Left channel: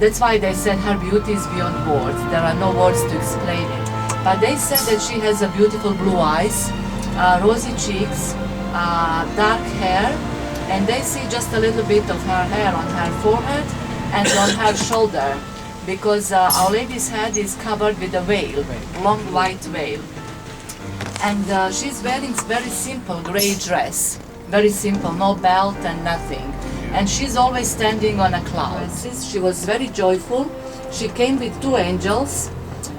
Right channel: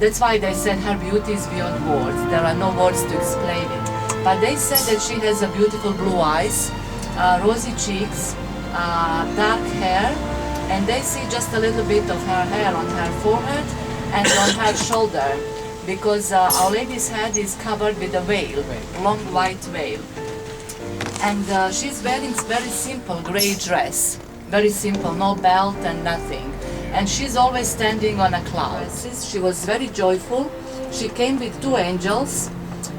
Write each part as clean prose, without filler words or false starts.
That's why they said her beauty is beyond words. There are no words to explain it. But they said that she has a beautiful blue eyes, rosy cheeks, dark hair, and they see just a little bit of her hair on her forehead and on her shoulder, because Our Lady's head is covered with a veil, long white veil. And she's wearing very simple gray dress, very simple, no belt and nothing. And she's always standing on a cloud. She was very joyful. She came with two angels,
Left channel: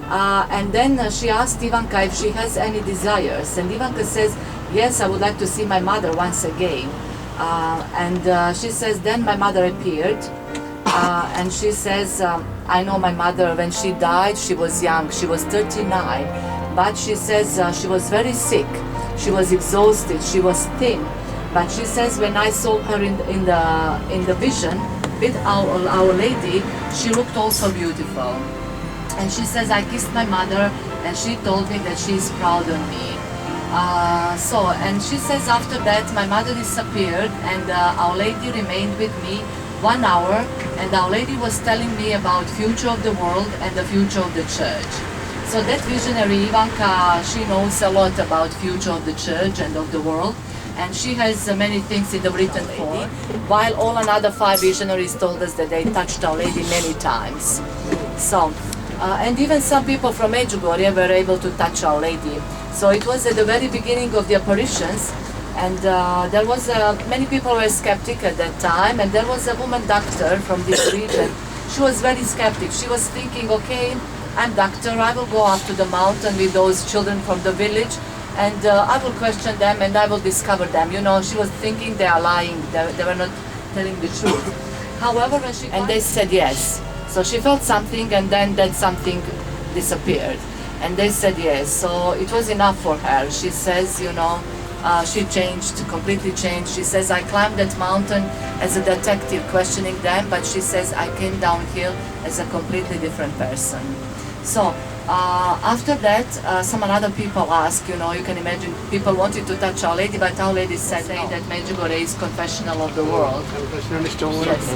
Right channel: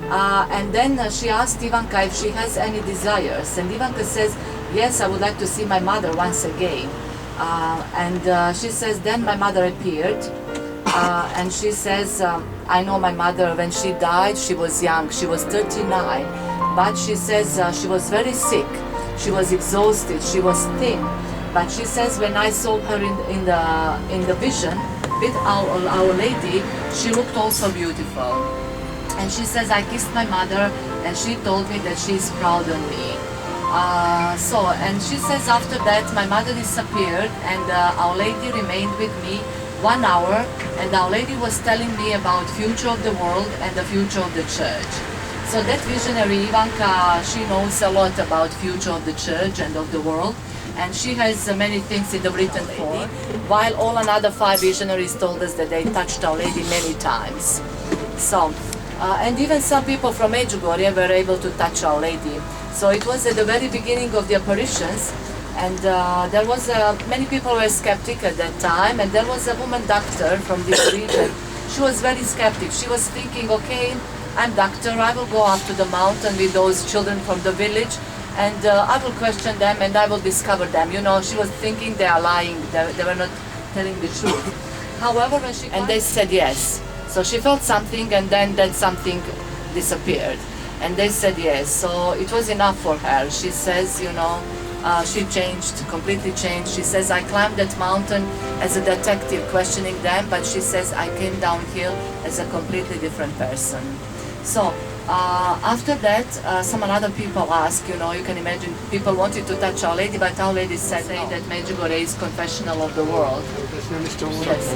and then she asked Ivanka if she has any desires. And Ivanka says, yes, I would like to see my mother once again. She says, then my mother appeared, and she says, I know my mother, when she died, she was young, she was 39, but she says she was very sick, she was exhausted, she was thin. But she says, when I saw her in the vision with Our Lady, she looked also beautiful. And she says, I kissed my mother, and she told me that she is proud of me. And she says, after that, my mother disappeared, and Our Lady remained with me 1 hour, and Our Lady was telling me about future of the world and the future of the church. So that visionary Ivanka, she knows a lot about future of the church and of the world. And she has many things in the written form, while all another 5 visionaries told us that they touched Our Lady many times. And even some people from Medugorje were able to touch Our Lady. So it was at the very beginning of the apparitions, and there was many people were skeptic at that time, and there was a woman doctor from this region. She was very skeptic. She was thinking, okay, I'm doctor, I will go up to the mountain with those children from the village, and I will question them and I will discover them. You know, she was thinking they are lying, they were not telling the truth. However, when she and they said yes. So she felt something, and then that something disappeared. And they said yes. So it was enough for her. She says, you know, she changed, completely changed. She says, I climbed that mountain as a detective questioning them, but she says, I came downhill as a completely different person. So after that, some other people asked, you know, you can imagine people wanted to touch Our Lady, but Our Lady said that Medugorje is confessional of the world. Yes.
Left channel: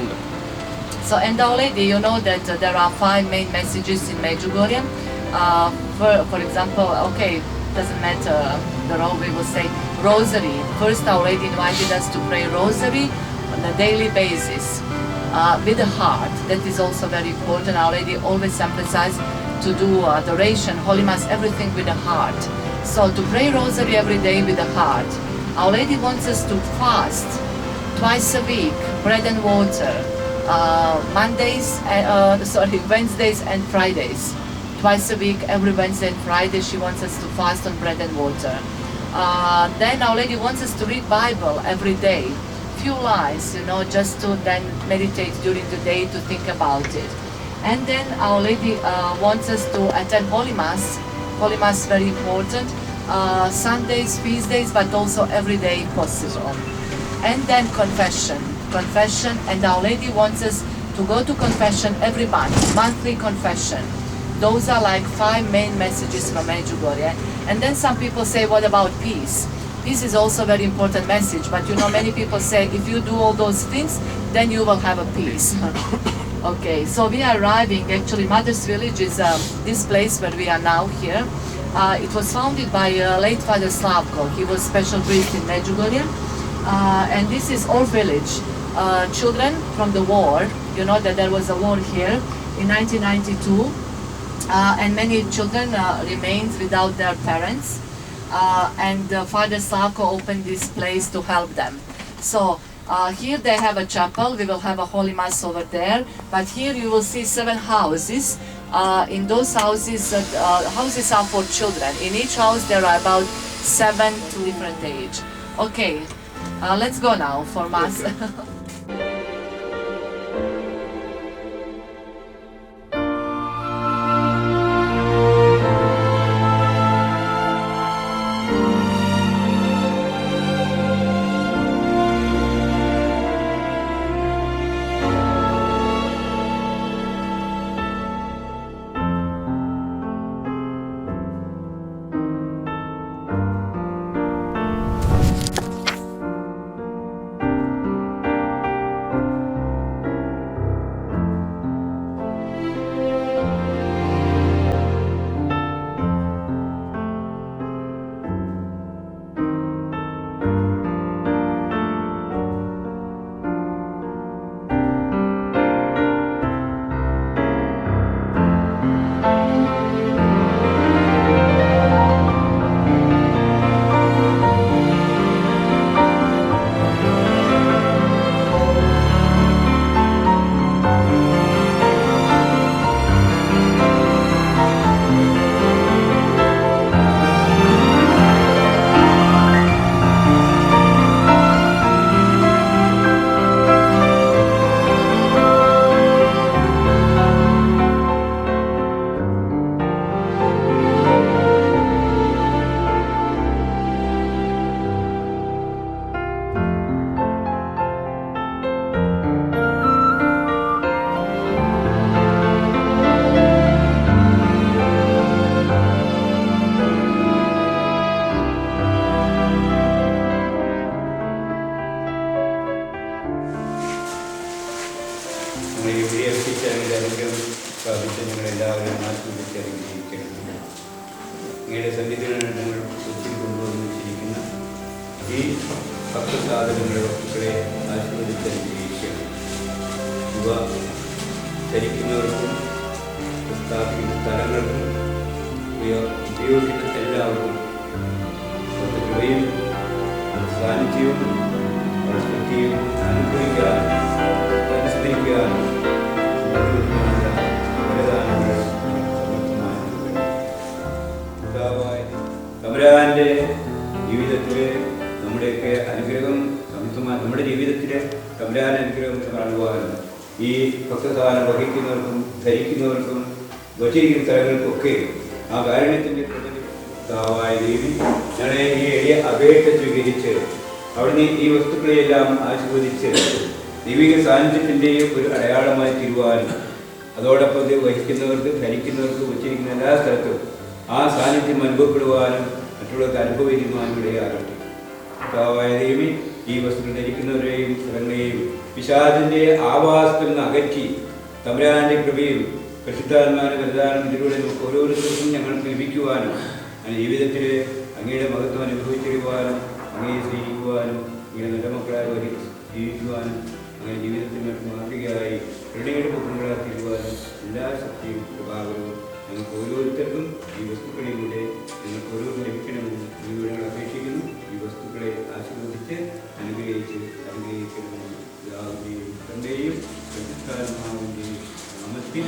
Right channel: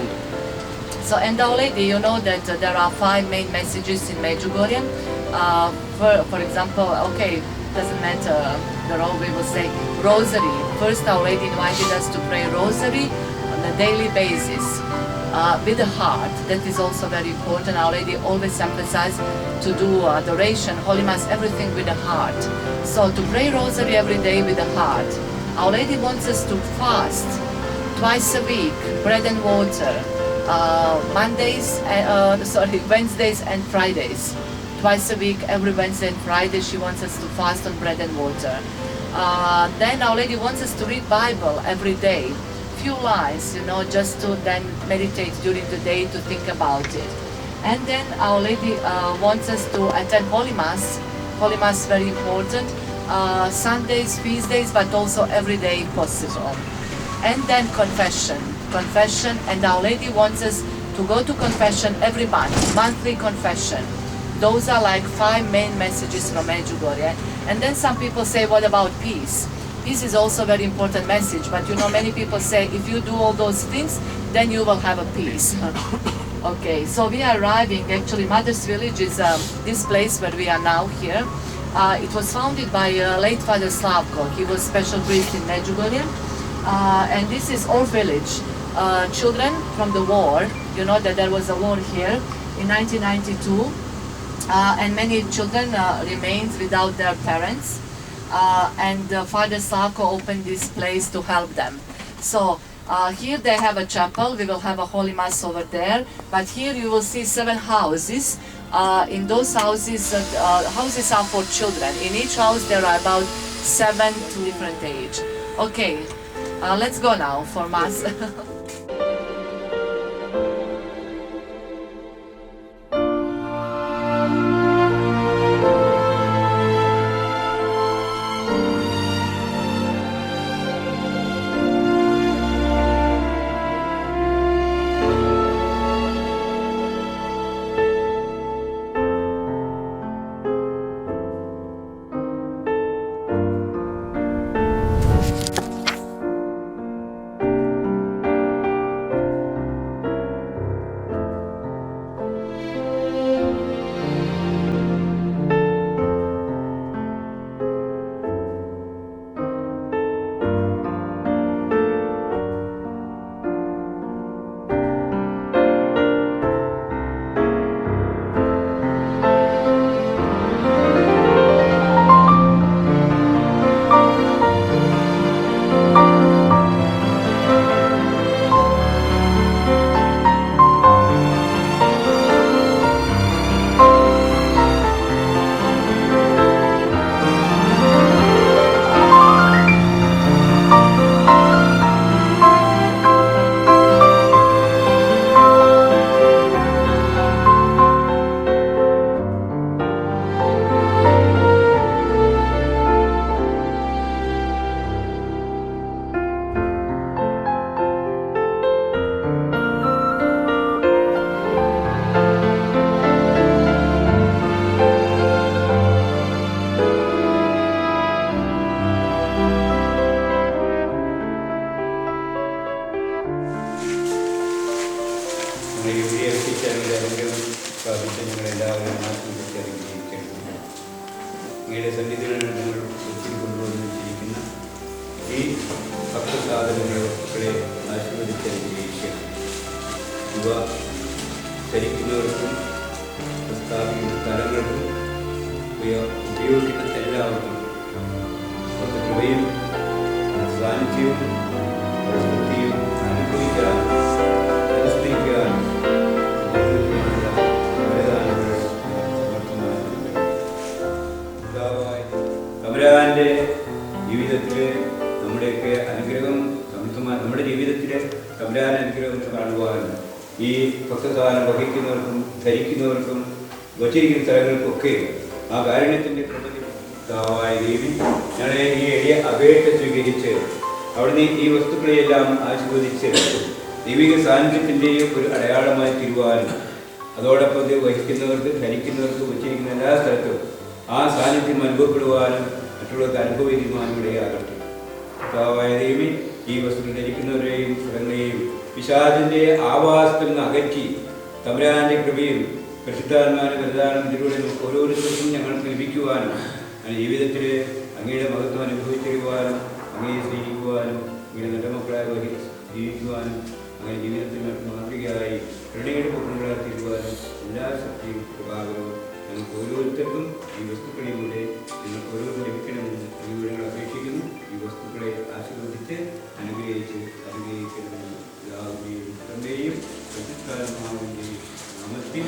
So, and Our Lady, you know that there are 5 main messages in Medugorje. For example, okay, doesn't matter the role, we will say rosary. First, Our Lady invited us to pray rosary on a daily basis with the heart. That is also very important. Our Lady always emphasized to do adoration, Holy Mass, everything with the heart. So to pray rosary every day with the heart. Our Lady wants us to fast twice a week, bread and water, Wednesdays and Fridays. Twice a week, every Wednesday and Friday, she wants us to fast on bread and water. Then Our Lady wants us to read Bible every day. Few lines, you know, just to then meditate during the day, to think about it. And then Our Lady wants us to attend Holy Mass. Holy Mass is very important. Sundays, feast days, but also every day if possible. And then confession. Confession, and Our Lady wants us to go to confession every month, monthly confession. Those are like 5 main messages from Medugorje. And then some people say, what about peace? Peace is also a very important message, but you know, many people say, if you do all those things, then you will have a peace. Okay, so we are arriving, actually Mother's Village is this place where we are now here. It was founded by late Father Slavko. He was special priest in Medugorje. And this is our village. Children from the war, you know that there was a war here in 1992. And many children remained without their parents, and Father Slavko opened this place to help them. So here they have a chapel. We will have a Holy Mass over there, but here you will see 7 houses. In those houses, houses are for children. In each house there are about 7 to different age. Okay, let's go now for Mass. ആശീർവദിച്ച് അനുഗ്രഹിക്കണം. അങ്ങയുടെ സന്നിധിയിൽ ഞങ്ങൾ ഒത്തിരി കൊണ്ടുവന്ന് വെച്ചിരിക്കുന്ന ഈ ഭക്തസാധനങ്ങളുടെ വസ്തുക്കളെ ആശീർവദിച്ച് അനുഗ്രഹിക്കണം. ഇവ ചരിക്കുന്നവർക്കും സ്ഥാപിക്കുന്ന സ്ഥലങ്ങൾക്കും ഉപയോഗിക്കുന്ന എല്ലാവർക്കും അവരുടെ കൃപയും സാന്നിധ്യവും അവരുടെ സ്മൃതിയും അനുഭവിക്കാനും അനുസ്മരിക്കാനും വരദാനങ്ങൾ സമർത്ഥമായി തമ്പുരാന്റെ ജീവിതത്തിൽ നമ്മുടെയൊക്കെ അനുഗ്രഹം സമർത്ഥമായി നമ്മുടെ ജീവിതത്തിൽ തമ്പുരാൻ അനുഗ്രഹം കാണുവാനും ഈ ഭക്തസാധനം വഹിക്കുന്നവർക്കും ധരിക്കുന്നവർക്കും വച്ചിരിക്കുന്ന സ്ഥലങ്ങൾക്കൊക്കെ ആ കാരുണ്യത്തിൻ്റെ കൃപയായ ദേവി ഞങ്ങളെ ഈ എളിയ അപേക്ഷ സ്വീകരിച്ച് അവിടുന്ന് ഈ വസ്തുക്കളെയെല്ലാം ആശീർവദിച്ച് ദൈവിക സാന്നിധ്യത്തിൻ്റെയും ഒരു അടയാളമായി തീരുവാനും അതോടൊപ്പം ഇത് വഹിക്കുന്നവർക്ക് ധരിക്കുന്നവർക്ക് വച്ചിരിക്കുന്ന എല്ലാ സ്ഥലത്തും ആ സാന്നിധ്യം അനുഭവപ്പെടുവാനും മറ്റുള്ളവർക്ക് അനുഭവിക്കുവാനും ഇടയാകട്ടെ. കർത്താവായ ദേവി ഈ വസ്തുക്കൾ ധരിക്കുന്നവരെയും സ്ഥലങ്ങളെയും പിശാചിൻ്റെ ആവാസത്തിൽ നിന്ന് അകറ്റി തമ്പുരാന്റെ കൃപയും പരിശുദ്ധാത്മാവിന്റെ വരദാനം ഇതിലൂടെ നമുക്ക് ഓരോരുത്തർക്കും ഞങ്ങൾക്ക് ലഭിക്കുവാനും അങ്ങനെ ജീവിതത്തിൽ അങ്ങയുടെ മഹത്വം അനുഭവിച്ചിരിക്കുവാനും അങ്ങയെ സ്നേഹിക്കുവാനും അങ്ങയുടെ നല്ല മക്കളായി ജീവിക്കുവാനും അങ്ങനെ ജീവിതത്തിൽ മാതൃകയായി കരുണയുടെ പുത്രങ്ങളായി തീരുവാനും എല്ലാ ശക്തിയും കൃപാകരവും ഞങ്ങൾക്ക് ഓരോരുത്തർക്കും ഈ വസ്തുക്കളിലൂടെ ഞങ്ങൾക്ക് ഓരോരുത്തരും ലഭിക്കണമെന്ന് ഞങ്ങൾ അപേക്ഷിക്കുന്നു. ഈ വസ്തുക്കളെ ആശീർവദിച്ച് അനുഗ്രഹിക്കണമെന്ന് പിതാവിൻ്റെയും പുത്രൻ്റെയും പരിശുദ്ധാത്മാവിൻ്റെയും നാമത്തിൽ